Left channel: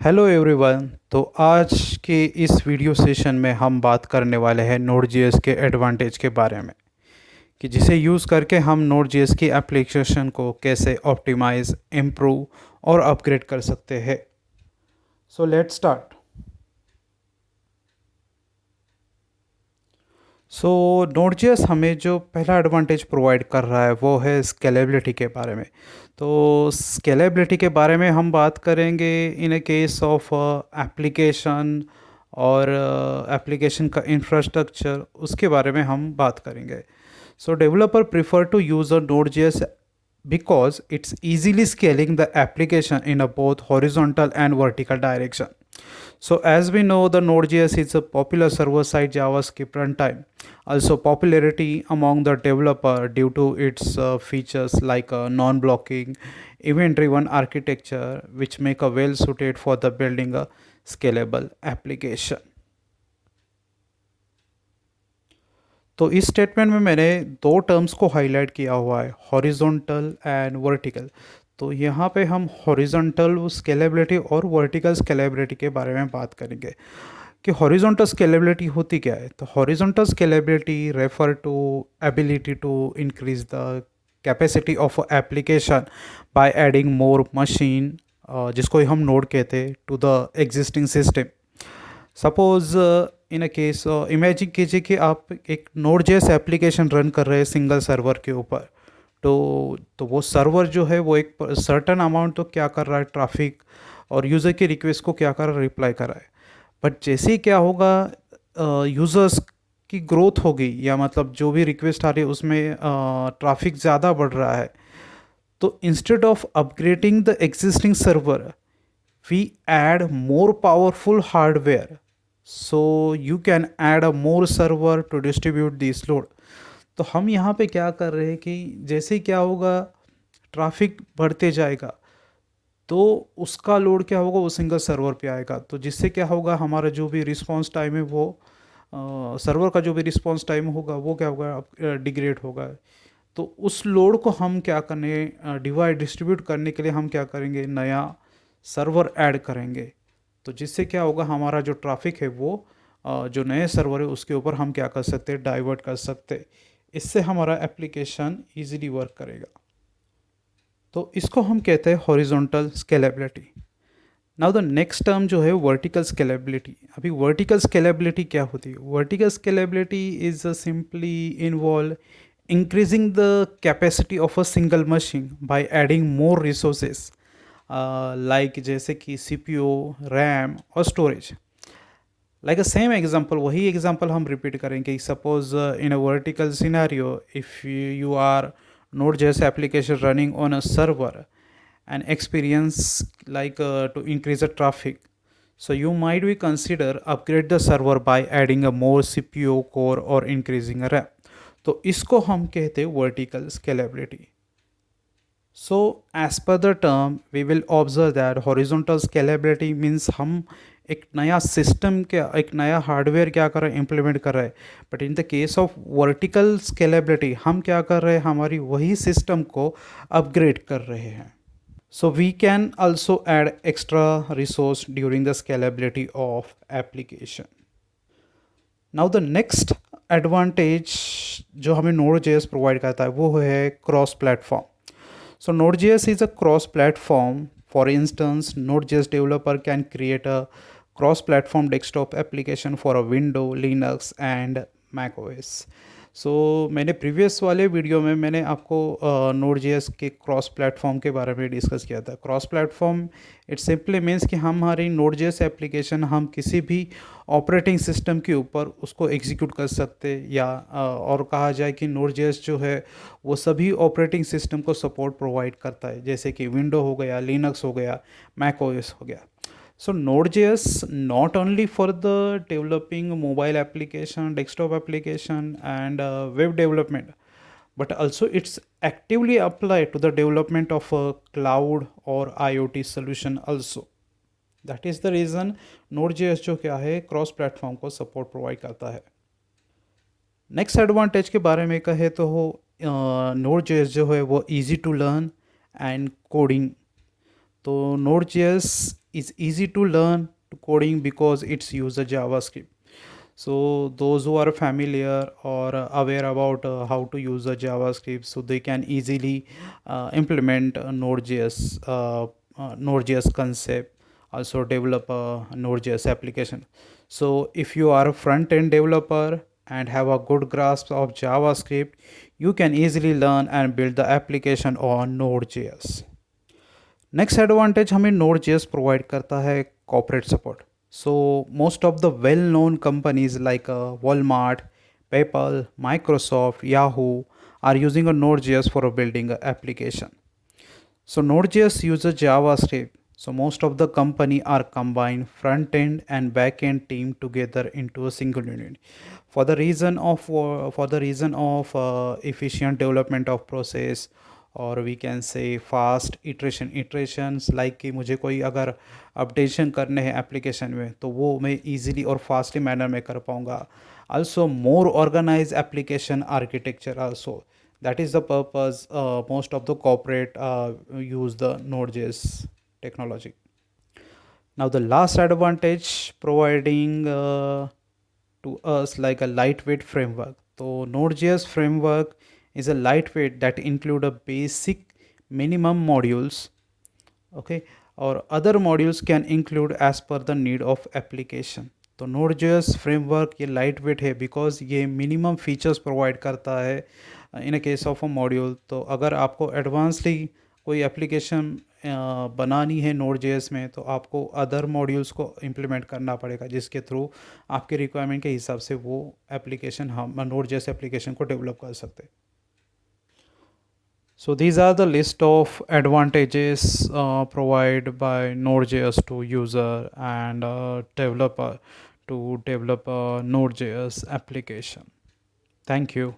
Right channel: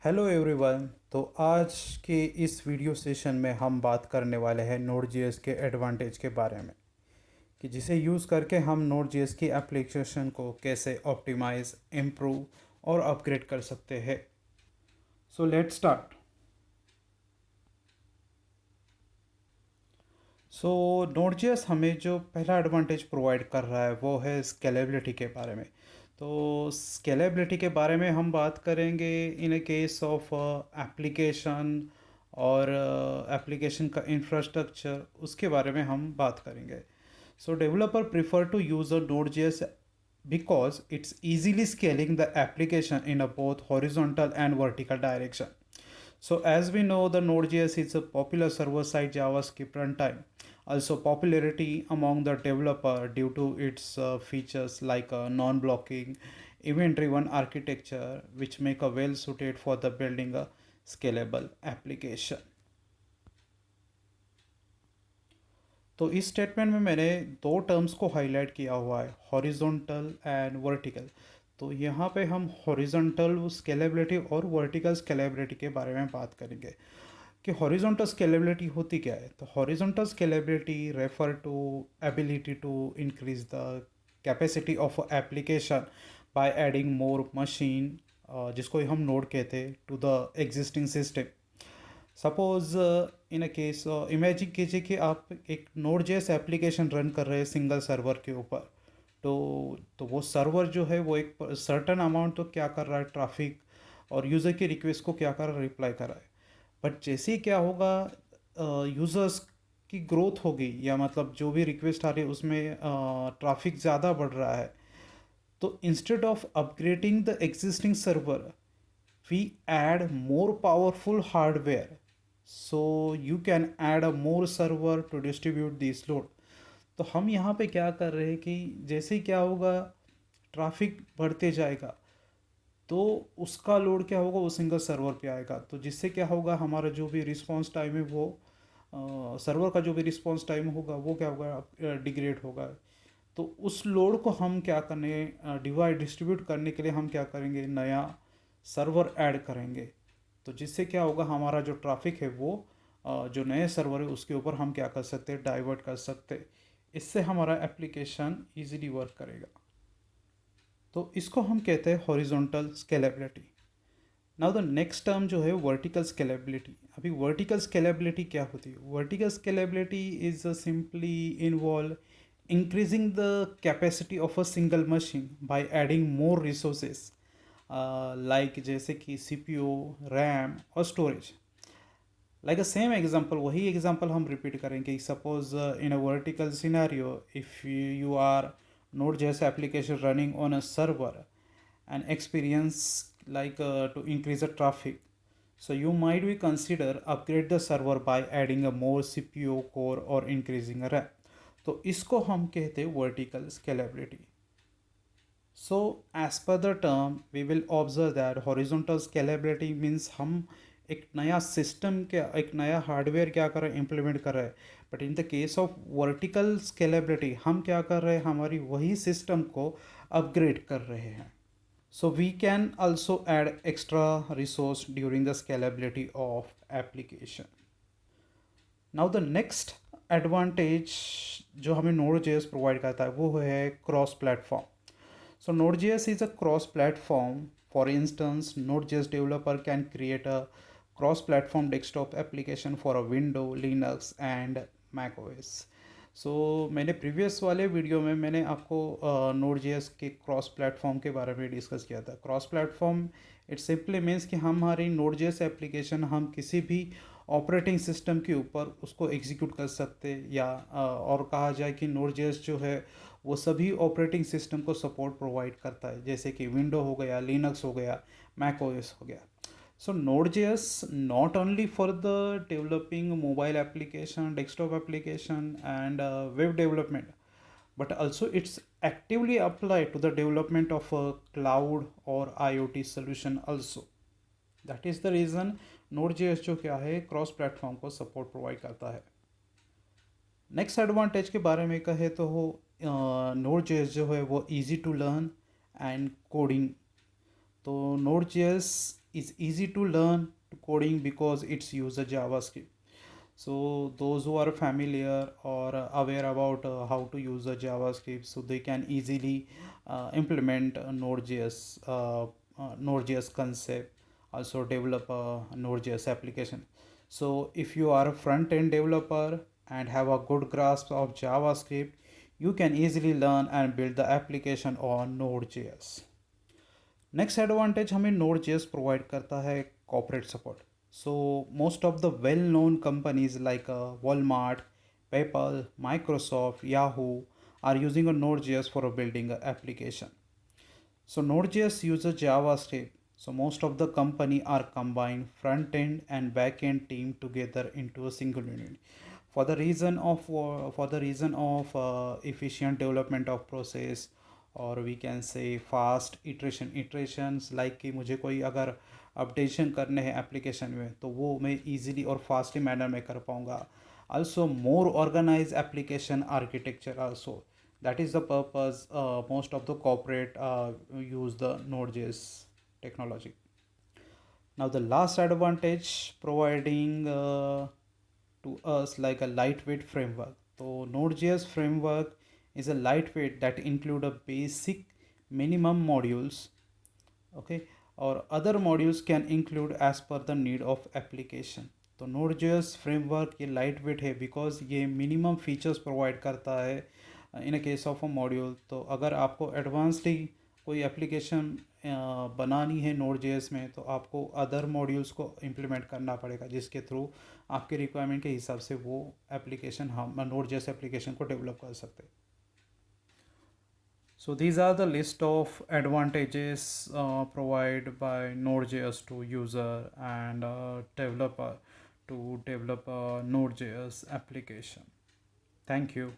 Hello everyone. तो आज के इस वीडियो सेशन में हम बात करने वाले हैं नोड जेएस के एडवांटेज के बारे में कि जिसे यूज़ करके हम नोड जेएस की एप्लीकेशन को कैसे ऑप्टिमाइज, इम्प्रूव और अपग्रेड कर सकते हैं। So let's start. So node JS हमें जो पहला एडवांटेज प्रोवाइड कर रहा है वो है स्केलेबिलिटी के बारे में। तो स्केलेबिलिटी के बारे में हम बात करेंगे in a case of application और एप्लीकेशन का इंफ्रास्ट्रक्चर, उसके बारे में हम बात करेंगे। So developer prefer to use a node JS because it's easily scaling the application in a both horizontal and vertical direction. So as we know, the Node.js is a popular server-side JavaScript runtime. Also popularity among the developer due to its features like non-blocking, event-driven architecture, which make a well-suited for the building a scalable application. तो इस statement में मैंने दो terms को highlight किया हुआ है, horizontal and vertical. तो यहाँ पे हम हॉरिजॉन्टल स्केलेबिलिटी और वर्टिकल स्केलेबिलिटी के बारे में बात करेंगे कि हॉरिजॉन्टल स्केलेबिलिटी होती क्या है। तो horizontal scalability refer to ability to increase the capacity of application by adding more machine, जिसको हम नोड कहते हैं, to the existing system. Suppose in a case imagine कीजिए कि आप एक नोड जेएस एप्लीकेशन रन कर रहे हैं सिंगल सर्वर के ऊपर। तो वो सर्वर जो है वो एक सर्टन अमाउंट तो क्या कर रहा है, ट्रैफिक और यूज़र की रिक्वेस्ट को क्या कर रहा है, रिप्लाई कर रहा है। बट जैसे ही क्या होगा, यूज़र्स की ग्रोथ होगी या मतलब जो भी रिक्वेस्ट आ रही है उसमें ट्रैफिक ज़्यादा बढ़ रहा है। तो instead of upgrading the existing server, we add more powerful hardware, so you can add a more server to distribute this load. तो हम यहाँ पे क्या कर रहे हैं कि जैसे क्या होगा, ट्रैफिक बढ़ते जाएगा तो उसका लोड क्या होगा, वो सिंगल सर्वर पे आएगा। तो जिससे क्या होगा, हमारा जो भी रिस्पांस टाइम है वो सर्वर का जो भी रिस्पांस टाइम होगा वो क्या होगा, डिग्रेड होगा। तो उस लोड को हम क्या करने, डिवाइड डिस्ट्रीब्यूट करने के लिए हम क्या करेंगे, नया सर्वर ऐड करेंगे। तो जिससे क्या होगा, हमारा जो ट्रैफिक है वो जो नए सर्वर है उसके ऊपर हम क्या कर सकते हैं, डाइवर्ट कर सकते हैं। इससे हमारा एप्लीकेशन इजीली वर्क करेगा। तो इसको हम कहते हैं horizontal scalability. Now the next term जो है वर्टिकल स्केलेबिलिटी। अभी वर्टिकल स्केलेबिलिटी क्या होती है? Vertical scalability is simply involve increasing the capacity of a single machine by adding more resources, like जैसे कि CPU, RAM और storage। Like a same example, वही एग्जांपल हम रिपीट करेंगे। Suppose in a vertical scenario, if you are node जैसे application running on a server and experience to increase the traffic, so you might be consider upgrade the server by adding a more CPU core or increasing a RAM। तो इसको हम कहते हैं vertical scalability. So as per the term we will observe that horizontal scalability means हम एक नया system के, एक नया हार्डवेयर क्या कर रहे हैं, इम्प्लीमेंट कर रहे हैं। But in the case of vertical scalability हम क्या कर रहे हैं, हमारी वही सिस्टम को अपग्रेड कर रहे हैं। So we can also add extra resource during the scalability of application. Now the next advantage जो हमें Node.js प्रोवाइड करता है वो है cross platform. So Node.js is a cross platform. For instance, Node.js developer can create a cross platform desktop application for a Windows, Linux and Mac OS. सो मैंने previous वाले video में मैंने आपको नोड जेएस के क्रॉस प्लेटफॉर्म के बारे में discuss किया था। Cross platform it simply means कि हमारी नोड जेएस एप्लीकेशन हम किसी भी ऑपरेटिंग सिस्टम के ऊपर उसको एग्जीक्यूट कर सकते, या और कहा जाए कि नोड जेएस जो है वो सभी ऑपरेटिंग सिस्टम को सपोर्ट प्रोवाइड करता है, जैसे कि विंडो हो गया, लिनक्स हो गया, मैक ओएस हो गया। So Node.js not only for the developing mobile application, desktop application and web development, but also it's actively applied to the development of a cloud or IoT solution also. That is the reason Node.js जो क्या है cross platform को support provide करता है। Next advantage के बारे में कहे तो हो, Node.js जो है वो easy to learn and coding. तो Node.js is easy to learn coding because it's use a JavaScript. So those who are familiar or aware about how to use a JavaScript, so they can easily implement a Node.js concept, also develop a Node.js application. So if you are a front-end developer and have a good grasp of JavaScript, you can easily learn and build the application on Node.js. Next advantage हमें node JS provide करता है corporate support. So most of the well known companies like Walmart, PayPal, Microsoft, Yahoo are using a Node.js for building an application. So Node.js uses JavaScript. So most of the company are combined front end and back end team together into a single unit. For the reason of efficient development of process, और we can say fast iterations like कि मुझे कोई अगर updation करने हैं application में तो वो मैं इजीली और फास्टली मैनर में कर पाऊँगा. also more organized application architecture also, that is the purpose most of the corporate use the Node.js technology. Now the last advantage providing to us like a lightweight framework. So Node.js framework is a lightweight that include a basic minimum modules, okay, or other modules can include as per the need of application. तो Node.js framework ये light weight है because ये minimum features provide करता है in a case of a module. तो अगर आपको advancely कोई एप्लीकेशन बनानी है Node.js में तो आपको अदर मॉड्यूल्स को इम्प्लीमेंट करना पड़ेगा जिसके थ्रू आपके रिक्वायरमेंट के हिसाब से वो एप्लीकेशन हम Node.js एप्लीकेशन को डेवलप कर सकते हैं. So these are the list of advantages provided by Node.js to user and developer to develop a Node.js application. Thank you.